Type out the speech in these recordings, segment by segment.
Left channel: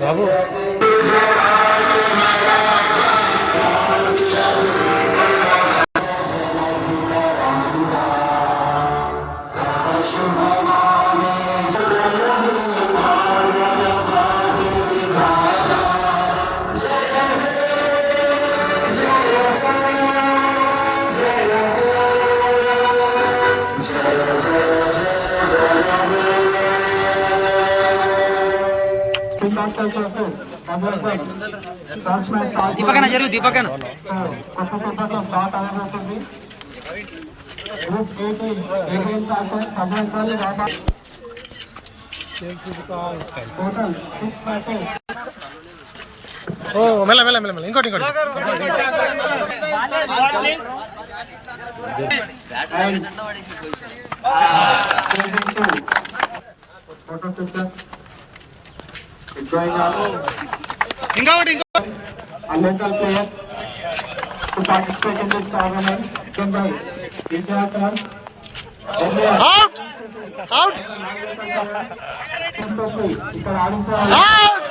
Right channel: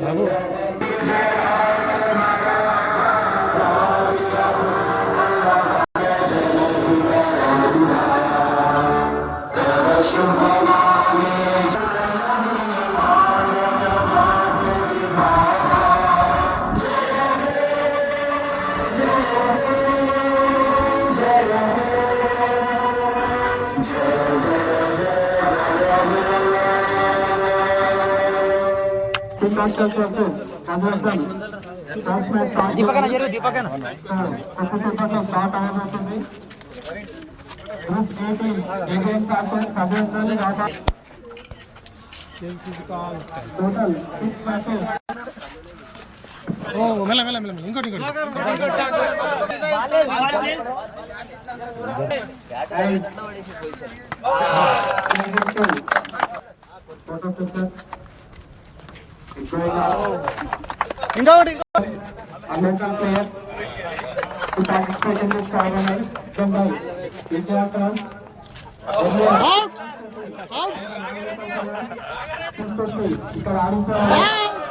బాబు దీపకన జరుగు దీపకన ఓ మెల్ల మెల్ల మెల్ల మెల్ల ఇంకోటి ఇంకోటి ఇంకోటి అవుట్ అవుట్ అవుట్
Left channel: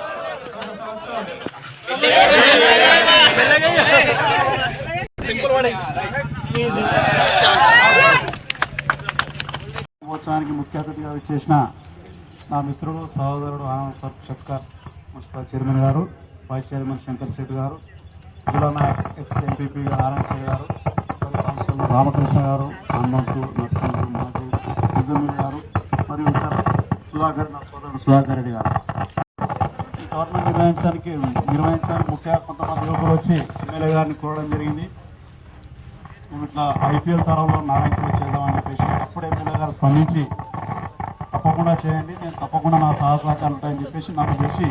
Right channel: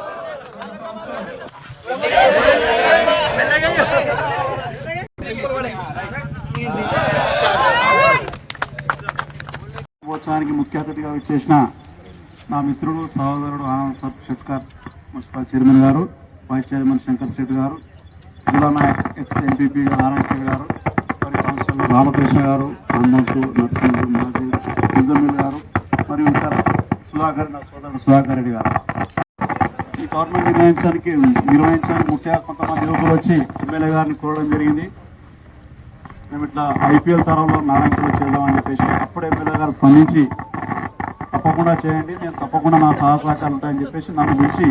మహోత్సవానికి ముఖ్య అతిథిగా వచ్చేసిన నా మిత్రుడు సహోదరుడు ఆనంద్ షెట్కర్ మున్సిపల్ చైర్మన్ గారు, వైస్ చైర్మన్ శంకర్ శెట్టి గారు, జిల్లా నాయక్ ఎక్స్ ఎంపీపీ నారాయణ గారు, మరి కౌన్సిలర్ రామకృష్ణ గారు, హనుమంతు నర్సింహు మాజీ సింధుమిల్ గారు, మరియు ఇతర సుధాకర్ నా సోదరుడు సుధాకర్ రెడ్డి గారు. ఈ టోర్నమెంట్ నిర్వహించడానికి ముఖ్యంగా కొంతమంది యువకులు వచ్చి ఎమ్మెల్యే గారిని కోరడం జరిగింది. మేము ఇట్లా ఐపీఎల్ తరంలో నారాయణపూర్ చేద్దామని చెప్పేసి అప్పుడు ఎమ్మెల్యే గారు స్పందించి తప్పకుండా చేయండి, నేను తప్పకుండా నా సహకారాలు ఉంటాయని చెప్పేసి నన్ను పిలిచి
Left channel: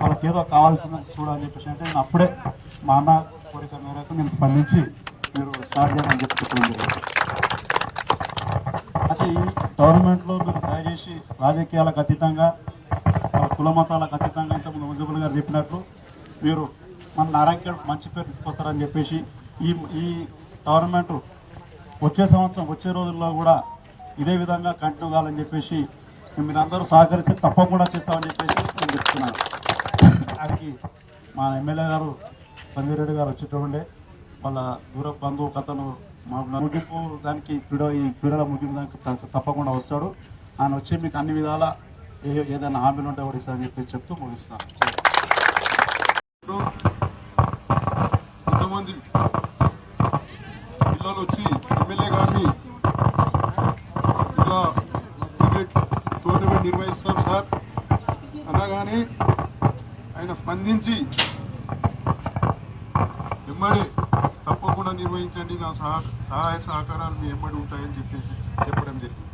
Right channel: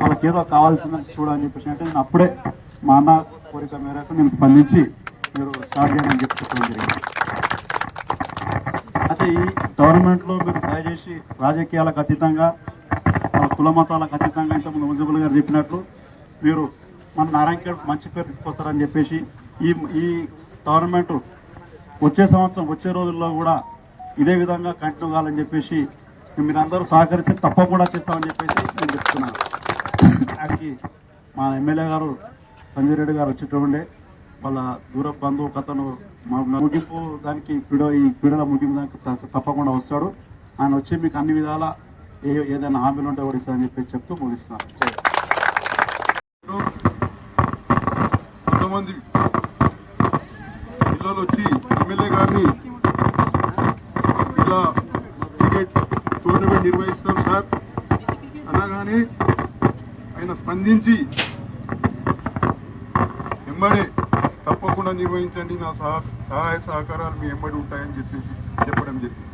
వాళ్ళకి ఏదో కావాల్సిందని చూడని చెప్పేసి అంటే నేను అప్పుడే మా అన్న కోరిక మేరకు నేను స్పందించి మీరు స్టార్ట్ చేయాలని చెప్పి చెప్పడం జరిగింది. అయితే ఈ గవర్నమెంట్లో మీరు దయచేసి రాజకీయాలకు అతీతంగా వాళ్ళ కుల మతాలకు అతీతంగా ఇంతకుముందు మున్సిపల్ గారు చెప్పినట్లు మీరు మన నారాయణఖేడ్ మంచి పేరు తీసుకొస్తారని చెప్పేసి ఈ గవర్నమెంట్ వచ్చే సంవత్సరం వచ్చే రోజుల్లో కూడా ఇదే విధంగా కంటిన్యూ కావాలని చెప్పేసి మీరందరూ సహకరిస్తే తప్పకుండా చేస్తామని చెప్పేసి నేను చెప్తున్నాను. దానికి మా ఎమ్మెల్యే గారు సంజయ్ రెడ్డి గారు వచ్చేటండే వాళ్ళ దూర బంధువు కథను మా ముగింపు దానికి ఈ క్రీడల ముగింపు దానికి తప్పకుండా వస్తాడు. ఆయన వచ్చి మీకు అన్ని విధాల ఏదైనా హామీలు ఉంటే కూడా ఇస్తారని చెప్పేసి చెప్తూ ముగిస్తున్నాను. కొంతమంది పిల్లలు వచ్చి ఎమ్మెల్యే గారిని ఇలా క్రికెట్ టోర్నమెంట్ నిర్వహిస్తాం సార్ అనగానే ఆయన స్పందించి వెంబడే తప్పకుండా నిర్వహించండి, నా సహాయ సహకారాలు మీ వెంబడి ఉంటాయని చెప్పేసి చెప్పడం జరిగింది.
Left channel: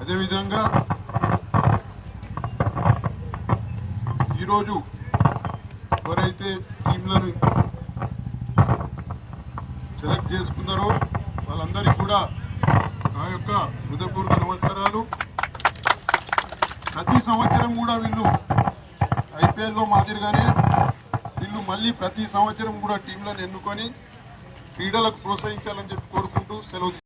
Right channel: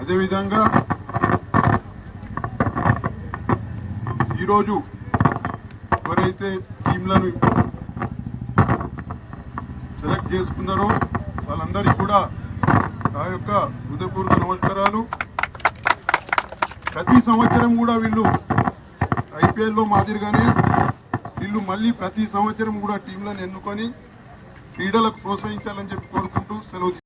అదేవిధంగా ఈరోజు ఎవరైతే టీంలను సెలెక్ట్ చేసుకున్నారో వాళ్ళందరికీ కూడా నా యొక్క హృదయపూర్వక నమస్కారాలు. ప్రతి సంవత్సరం కూడా వీళ్ళు ఐపీఎల్లో మాదిరిగానే వీళ్ళు మళ్ళీ ప్రతి సంవత్సరం కూడా టీంలను ఎన్నుకొని క్రీడలకు ప్రోత్సహించాలని చెప్పి కోరుకుంటూ సెలవు